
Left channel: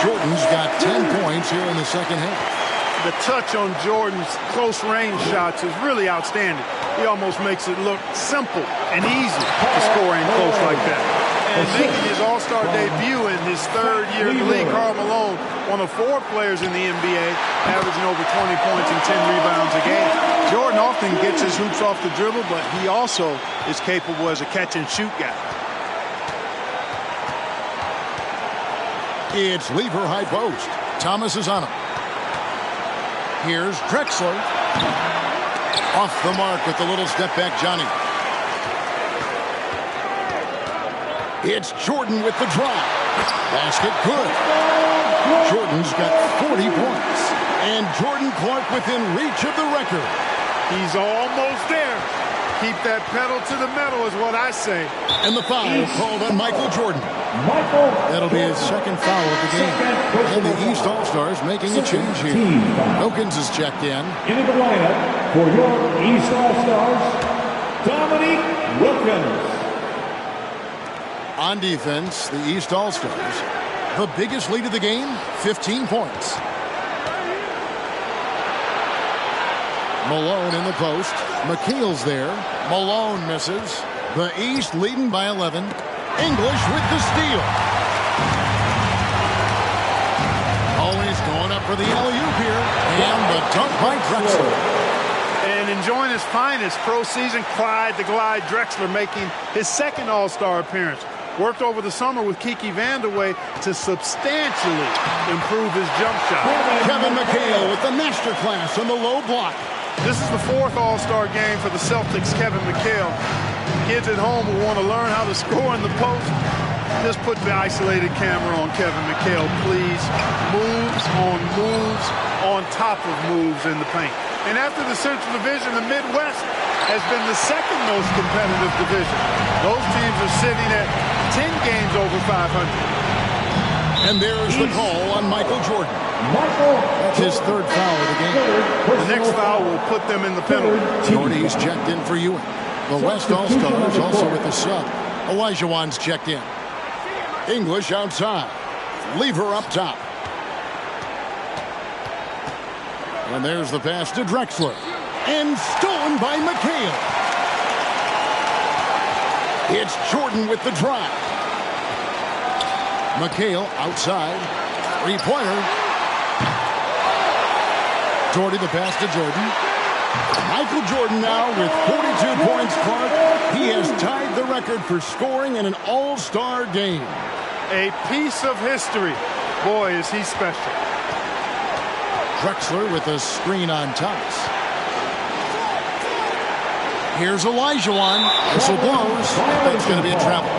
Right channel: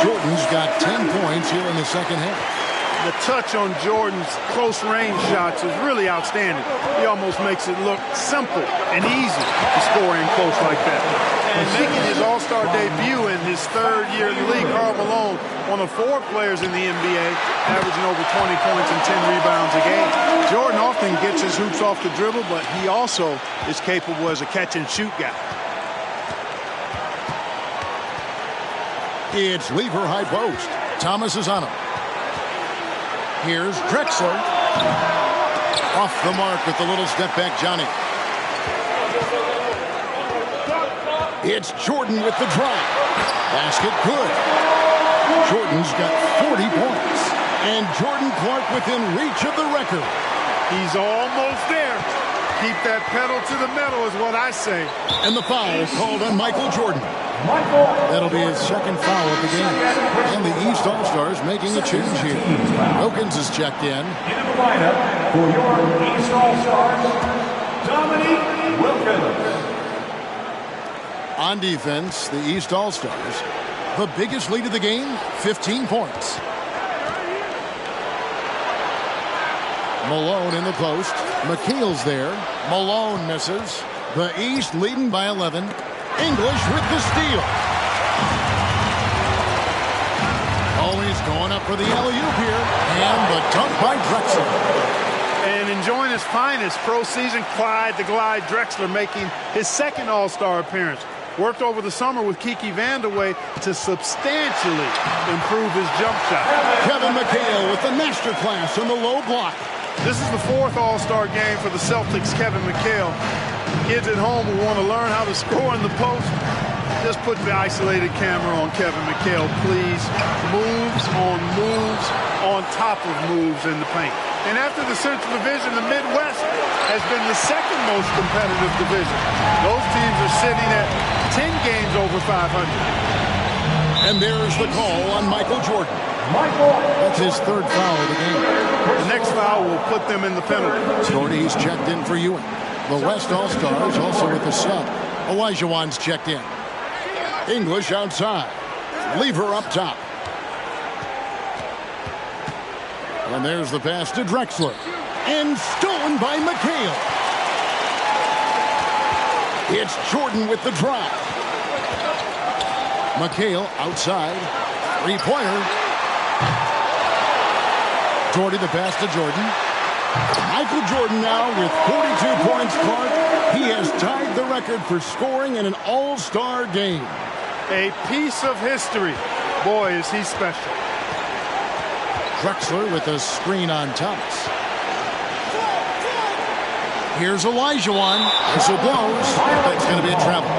Jordan's got 10 points here in the second half. the touch on Jordan's close range shots is really outstanding. He almost makes it look simple and easy to score in close like that. And making his All-Star debut in his third year in the league, Karl Malone, one of 4 players in the NBA, averaging over 20 points and 10 rebounds a game. Jordan often gets his hoops off the dribble, but he also is capable as a catch-and-shoot guy. It's Lever high post. Thomas is on him. Here's Drexler. Off the mark with the little step back, Johnny. It's Jordan with the drive. Basket good. Jordan's got 40 points. And Jordan Clark within reach of the record. He's almost there. Keep that pedal to the metal is what I say. And the foul called on Michael Jordan. That'll be his second foul of the game. And the East All-Stars making a change here. Wilkins is checked in. Into the lineup for your East All-Stars, Dominique Wilkins. On defense, the East All-Stars, the biggest lead of the game, 15 points. Malone in the post. McHale's there. Malone misses. The East leading by 11. English with the steal. Always going up for the alley-oop here. And the dunk by Drexler. And enjoying his finest pro season, Clyde the Glide Drexler making his second All-Star appearance. Worked over the summer with Kiki Vandeweghe to substantially improve his jump shot. Kevin McHale with the masterclass on the low block. This is the 4th All-Star game for the Celtics' Kevin McHale. Kids at home who want to learn how to score in the post, just put the isolated camera on Kevin McHale, please. Moves on top of moves in the paint. And after the Central Division, the Midwest has been the second most competitive division. Those teams are sitting at 10 games over 500. And there's the call on Michael Jordan. That's his 3rd foul of the game. The next foul will put them in the penalty. Doherty's checked in for Ewing. The West All-Stars also with the sub. Elijah Wan's checked in. English outside. Lever up top. And there's the pass to Drexler. And stolen by McHale. It's Jordan with the drive. McHale outside. 3-pointer. Doherty the pass to Jordan. Michael Jordan now with 42 points, Clark. He has tied the record for scoring in an All-Star game. A piece of history. Boy, is he special. Drexler with a screen on Thomas. Here's Elijah Wan. Whistle blows. That's going to be a travel.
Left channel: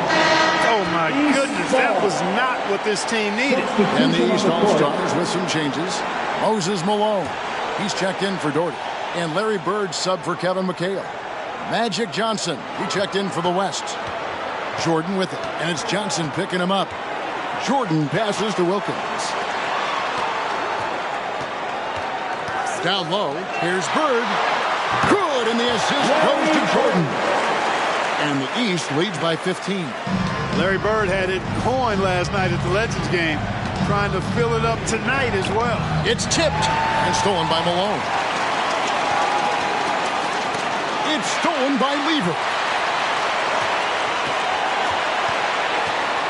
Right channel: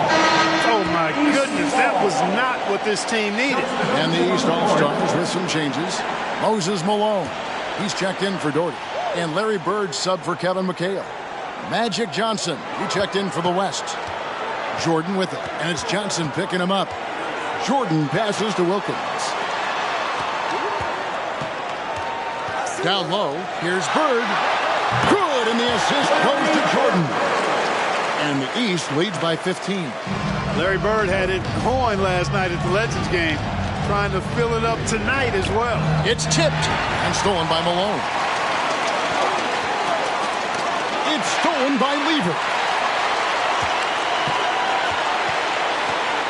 Oh, my goodness. That was not what this team needed. And the East All-Stars with some changes. Moses Malone. He's checked in for Doherty. And Larry Bird sub for Kevin McHale. Magic Johnson. He checked in for the West. Jordan with it. And it's Johnson picking him up. Jordan passes to Wilkins. Down low. Here's Bird. Good. And the assist goes to Jordan. And the East leads by 15. Larry Bird had it going last night at the Legends game. Trying to fill it up tonight as well. It's tipped and stolen by Malone. It's stolen by Lever.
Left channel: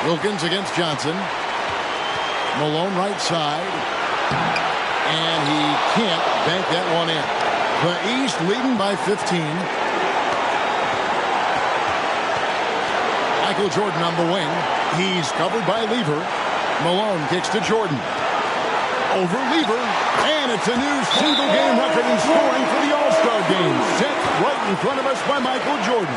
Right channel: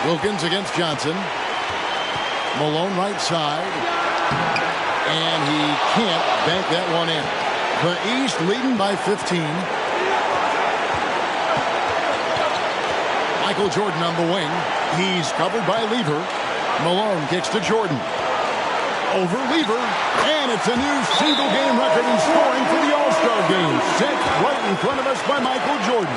Wilkins against Johnson. Malone right side. And he can't bank that one in. The East leading by 15. Michael Jordan on the wing. He's covered by Lever. Malone kicks to Jordan. Over Lever. And it's a new single-game record in scoring for the All-Star game. Set right in front of us by Michael Jordan.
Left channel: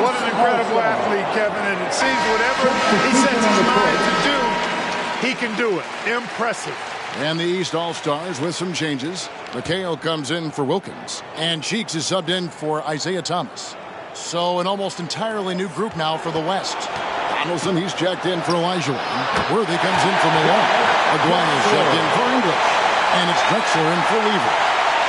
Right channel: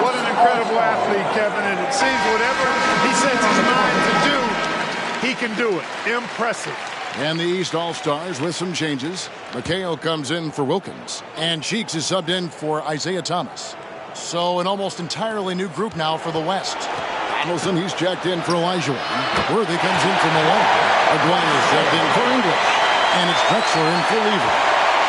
What an incredible athlete, Kevin. And it seems whatever he sets his mind to do, he can do it. Impressive. And the East All-Stars with some changes. McHale comes in for Wilkins. And Cheeks is subbed in for Isaiah Thomas. So an almost entirely new group now for the West. Donaldson, he's checked in for Elijah Wan. Worthy comes in for Malone. Aguayo's checked in for English. And it's Drexler in for Lever.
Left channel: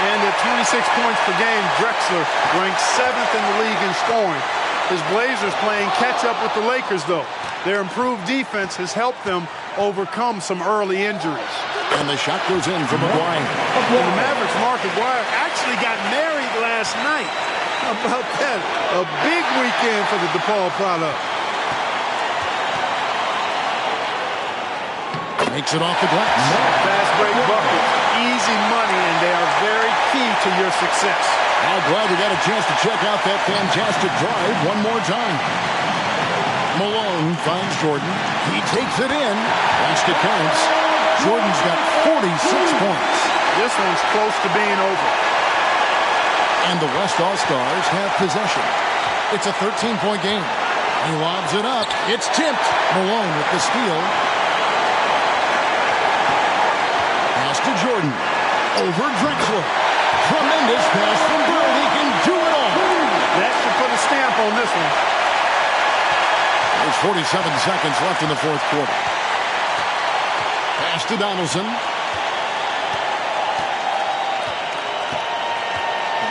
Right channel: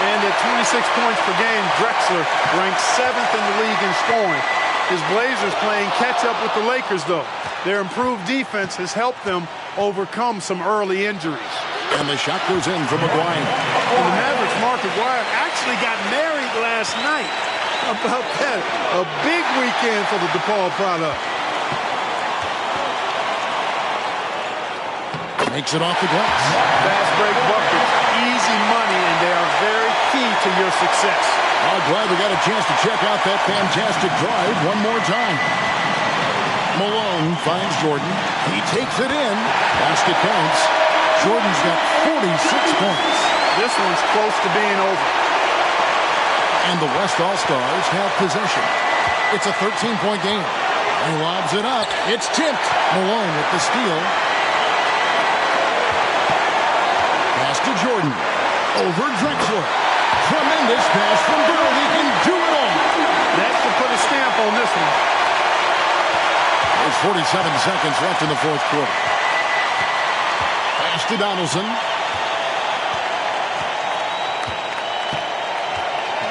And at 26 points per game, Drexler ranks 7th in the league in scoring. His Blazers playing catch-up with the Lakers, though. Their improved defense has helped them overcome some early injuries. And the shot goes in from McGuire. And the Mavericks' Mark McGuire actually got married last night. How about that? A big weekend for the DePaul product. Makes it off the glass. Fast break buckets, easy money, and they are very key to your success. I'm glad we got a chance to check out that fantastic drive one more time. Malone finds Jordan. He takes it in. Basket counts. Jordan's got 46 points. This one's close to being over. And the West All-Stars have possession. It's a 13-point game. He lobs it up. It's tipped. Malone with the steal. Pass to Jordan. Over Drexler. Tremendous pass from Bird. He can do it all. That should put a stamp on this one. There's 47 seconds left in the fourth quarter. Pass to Donaldson.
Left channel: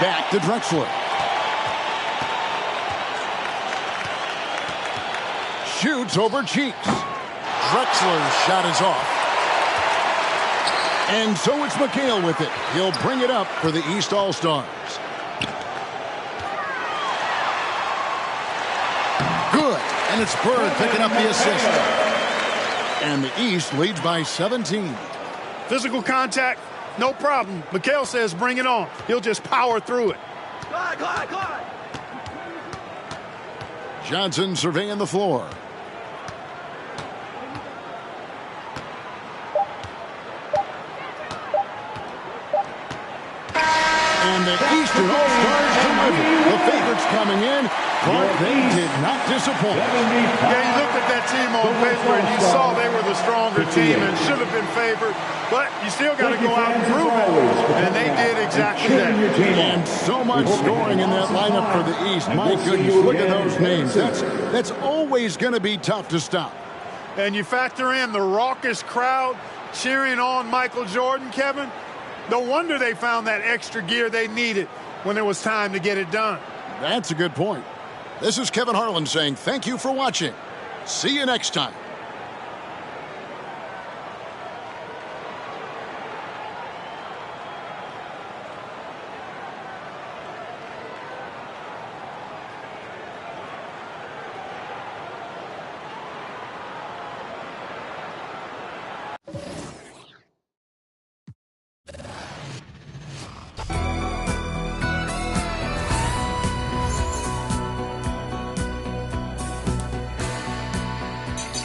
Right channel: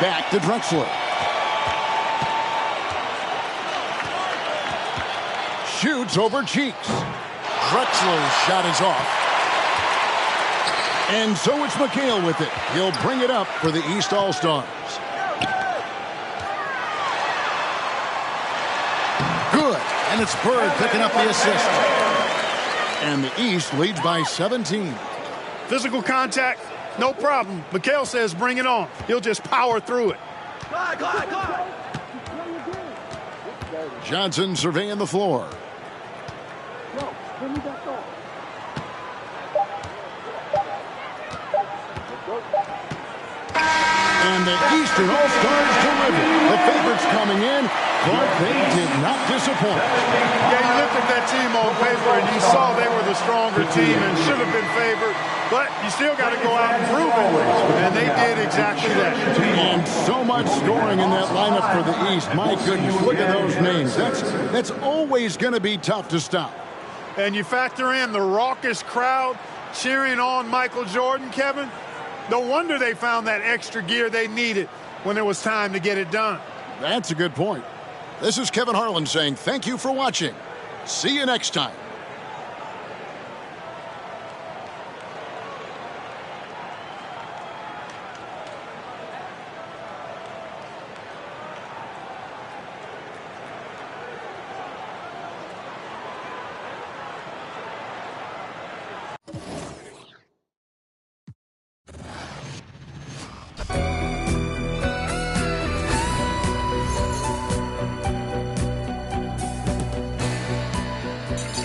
Back to Drexler. Shoots over Cheeks. Drexler's shot is off. And so it's McHale with it. He'll bring it up for the East All-Stars. Good. And it's Bird picking up the assist. And the East leads by 17. Physical contact, no problem. McHale says bring it on. He'll just power through it. Go on. Johnson surveying the floor. And the Eastern All-Stars deliver. The favorites coming in. Clark, they did not disappoint. Yeah, you looked at that team on paper and you saw they were the stronger team and should have been favored. But you still got to go out and prove it. And they did exactly that. And so much scoring in that lineup for the East. My goodness, look at those names. That's always going to be tough to stop. And you factor in the raucous crowd cheering on Michael Jordan, Kevin. No wonder they found that extra gear they needed when it was time to get it done. That's a good point. This is Kevin Harlan saying thank you for watching. See you next time.